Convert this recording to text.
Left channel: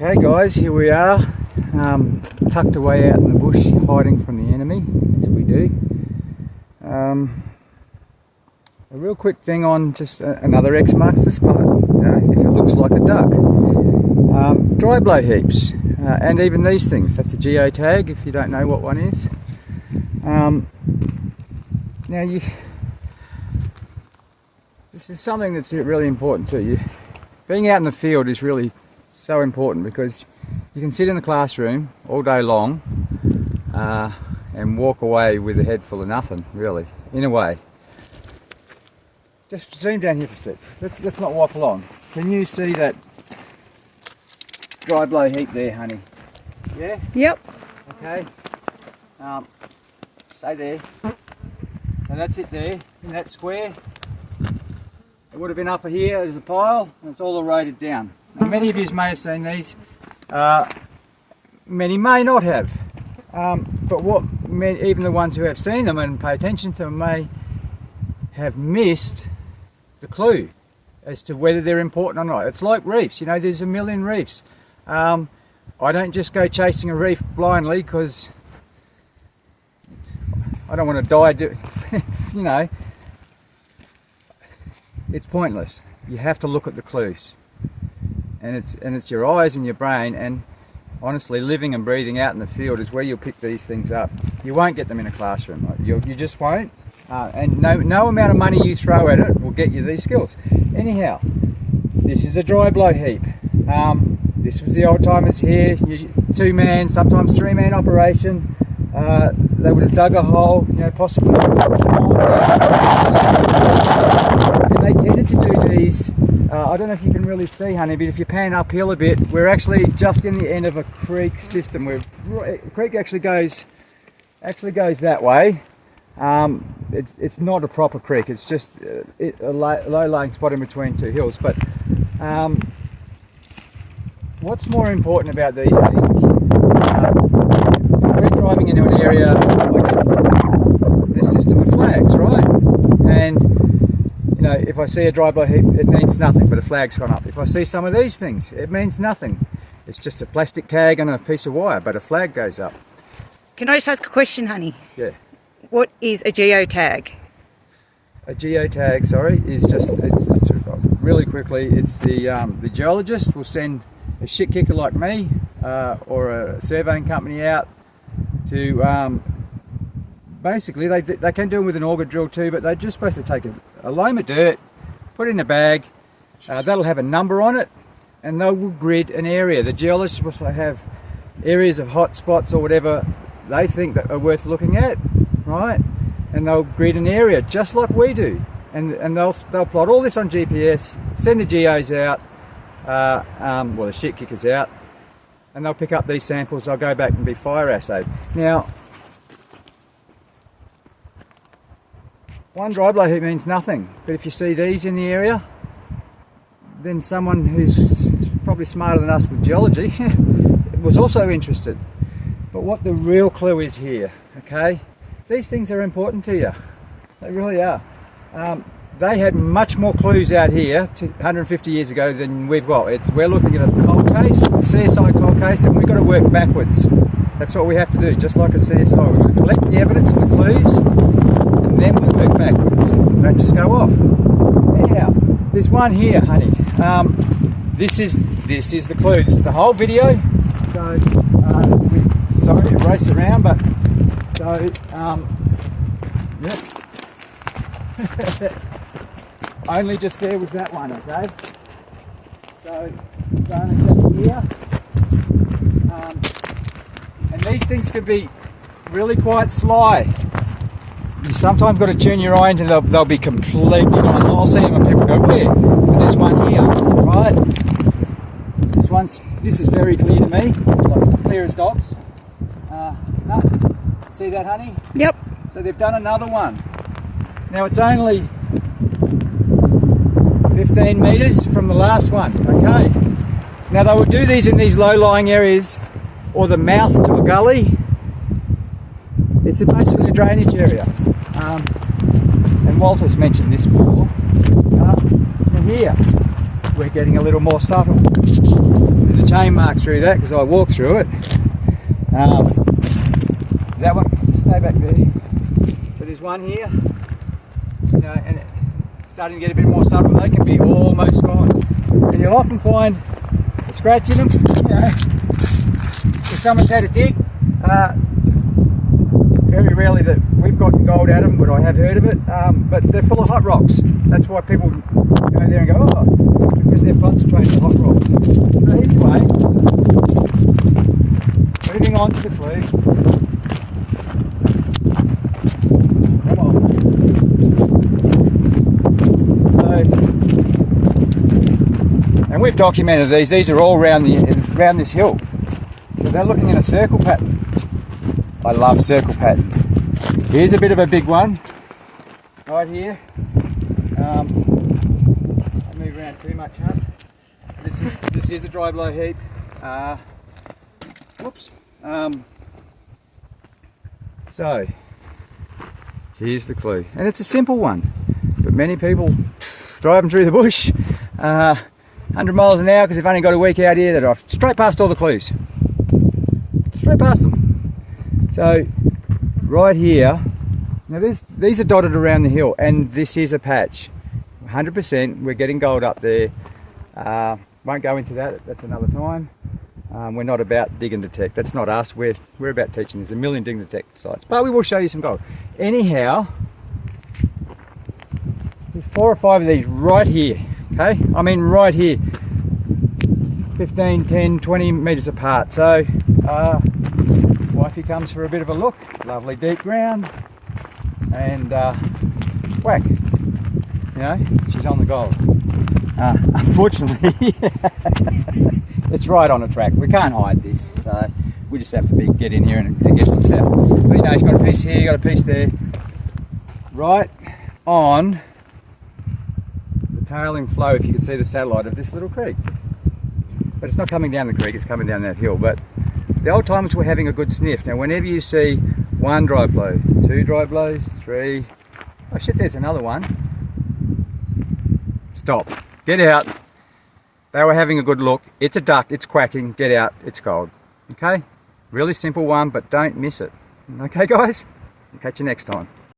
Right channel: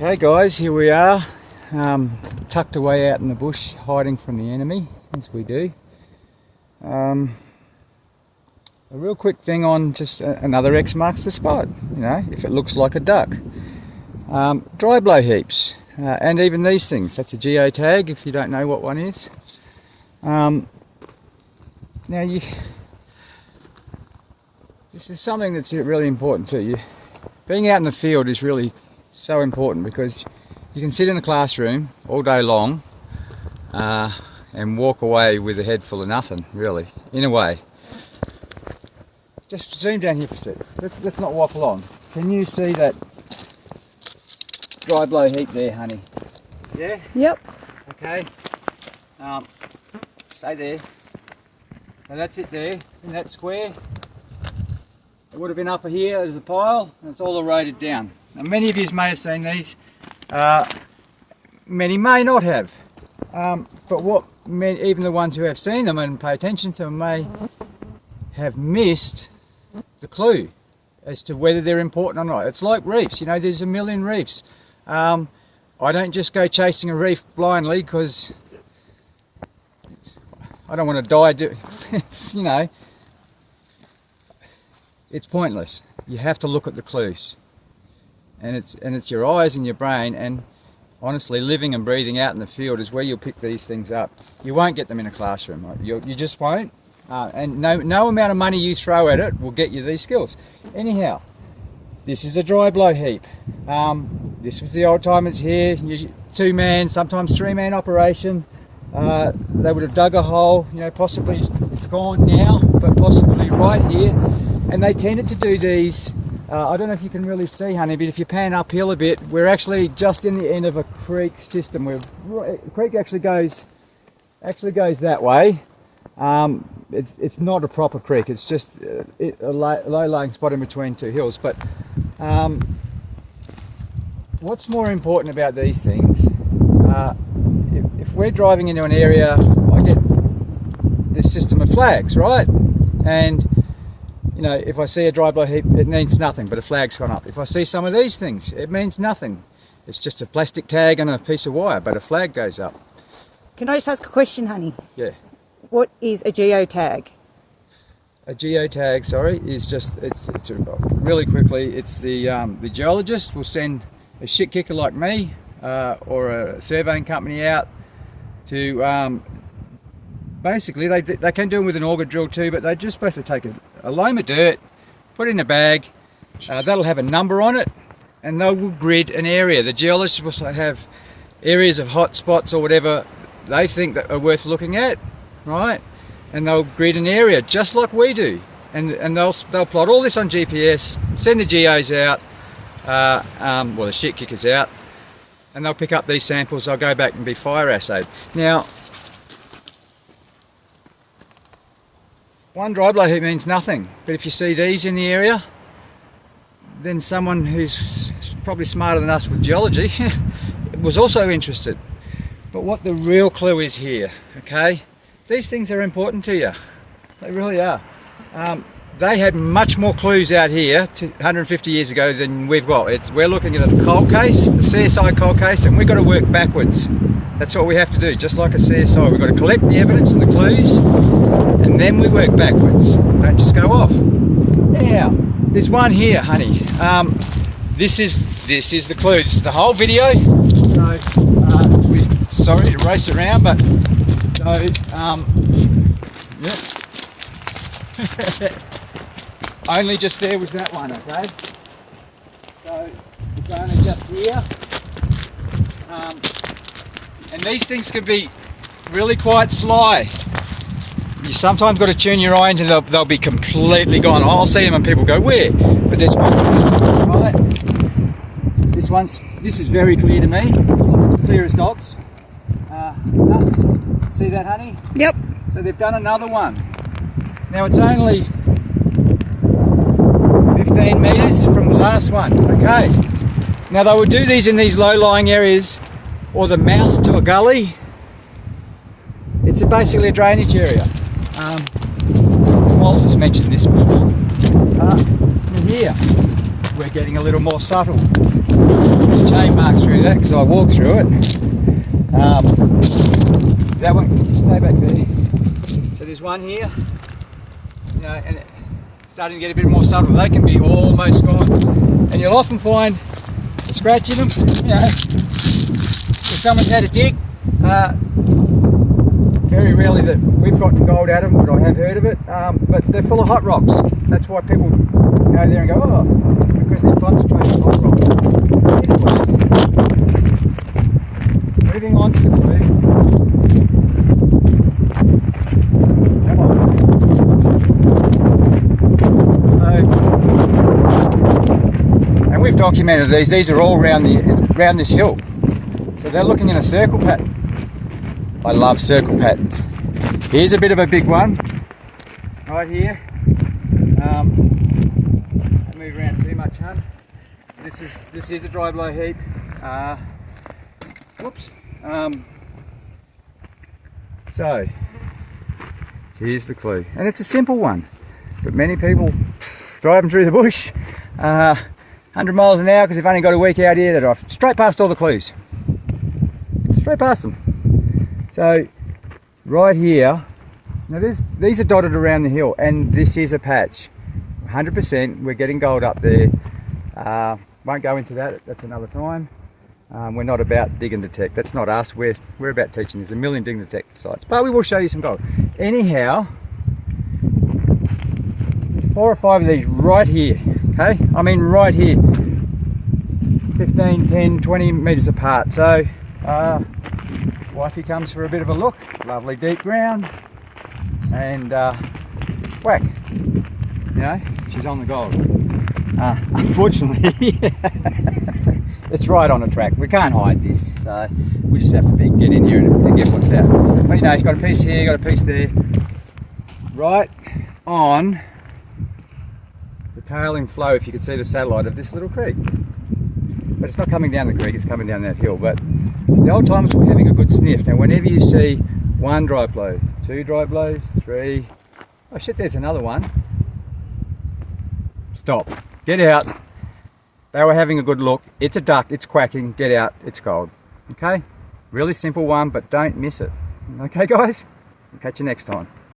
Okay guys, here we are, tucked away out in the bush, hiding from the enemy, as we do. A real quick thing on just another X marks the spot, you know, if it looks like a duck. Dry blow heaps, and even these things. That's a geo tag if you don't know what one is. Now this is something that's really important to you. Being out in the field is really so important because you can sit in a classroom all day long and walk away with a head full of nothing, really, in a way. Just zoom down here for a sec. Let's not waffle on. Can you see that dry blow heap there, honey? Yeah? Yep. Okay. Stay there. So that's it there, in that square. It would have been up here as a pile, and it's all eroded down. Now, many of you may have seen these, many may not have, but even the ones who have seen them and pay attention to them may have missed the clue as to whether they're important or not. It's like reefs, you know, there's a million reefs. I don't just go chasing a reef blindly because I don't want to die, you know. It's pointless. You have to look at the clues, and it's your eyes and your brain, and honestly living and breathing out in the field is where you'll pick these things up. You won't get them in a classroom, you just won't, and no amount of money you throw at it will get you these skills. Anyhow, this is a dry blow heap. This was the old timers here, 2-man, sometimes 3-man operation. They would have dug a hole, you know, possibly it's gone now, possibly right here, and they tended to do these. I don't know if you can really see, honey, but if you pan uphill a bit, we're actually just in the end of a creek system. The creek actually goes that way. It's not a proper creek. It's just a low-lying spot in between two hills. But what's more important about these things? If we're driving into an area, I get this system of flags, right? And you know, if I see a dry blow heap, it means nothing, but a flag's gone up. If I see some of these things, it means nothing. It's just a plastic tag and a piece of wire, but a flag goes up. Can I just ask a question, honey? Yeah. What is a geotag? A geotag, sorry, is just, it's really quickly, it's the geologist will send a shit kicker like me or a surveying company out to basically, they can do them with an auger drill too, but they're just supposed to take a loam of dirt, put it in a bag, that'll have a number on it, and they will grid an area. The geologists will also have areas of hot spots or whatever they think that are worth looking at, right? And they'll grid an area just like we do, and they'll plot all this on GPS, send the geos out, well, the shit kickers out, and they'll pick up these samples. They'll go back and be fire assayed. Now, one dry blow heap means nothing, but if you see these in the area, then someone who's probably smarter than us with geology was also interested. But what the real clue is here, okay? These things are important to you. They really are. They had much more clues out here 150 years ago than we've got. We're looking at a cold case, a CSI cold case, and we've got to work backwards. That's what we have to do, just like a CSI. We've got to collect the evidence and the clues, and then we work backwards. Don't just go off. Now, there's one here, honey. This is the clue. This is the whole video. So, sorry to race around, but so yep. Only just there was that one, okay? So it's only just here. And these things can be really quite sly. You sometimes got to tune your eye into them, they'll be completely gone. I'll see them and people go, where? But there's one here, right? This is very clear to me, like clear as dogs. Nuts. See that, honey? Yep. So they've done another one. Now it's only 15 metres from the last one, okay? Now they would do these in these low-lying areas or the mouth to a gully. It's basically a drainage area. And Walter's mentioned this before. And here, we're getting a little more subtle. chain marks through that because I walked through it. That one, just stay back there. So there's one here, you know, and it's starting to get a bit more subtle. They can be almost gone. And you'll often find a scratch in them, you know, if someone's had a dig. Very rarely that we've gotten gold out of them, but I have heard of it. But they're full of hot rocks. That's why people go there and go, oh, because they're concentrated hot rocks. Either way, moving on to the clue. Come on. So, and we've documented these. These are all around this hill. So they're looking in a circle pattern. I love circle patterns. Here's a bit of a big one, right here. Don't move around too much, huh? This is a dry blow heap. Whoops. So here's the clue, and it's a simple one, but many people driving through the bush, 100 miles an hour because they've only got a week out here. They drive straight past all the clues, straight past them. So right here, now these are dotted around the hill, and this is a patch. 100%, we're getting gold up there. Won't go into that, that's another time. We're not about dig and detect, that's not us. We're about teaching. There's a million dig and detect sites, but we will show you some gold. Anyhow, there's 4 or 5 of these right here, okay? I mean right here. 15, 10, 20 metres apart. So, wifey comes for a bit of a look. Lovely deep ground, and whack, you know, she's on the gold. Unfortunately, it's right on a track. We can't hide this, so we just have to get in here and get what's out. But you know, she's got a piece here, got a piece there, right on the tailing flow, if you can see the satellite of this little creek. But it's not coming down the creek, it's coming down that hill. But the old timers were having a good sniff. Now whenever you see 1 dry blow, 2 dry blows, 3, oh shit, there's another one. Stop, get out. They were having a good look. It's a duck, it's quacking, get out, it's gold. Okay, really simple one, but don't miss it. Okay guys, I'll catch you next time.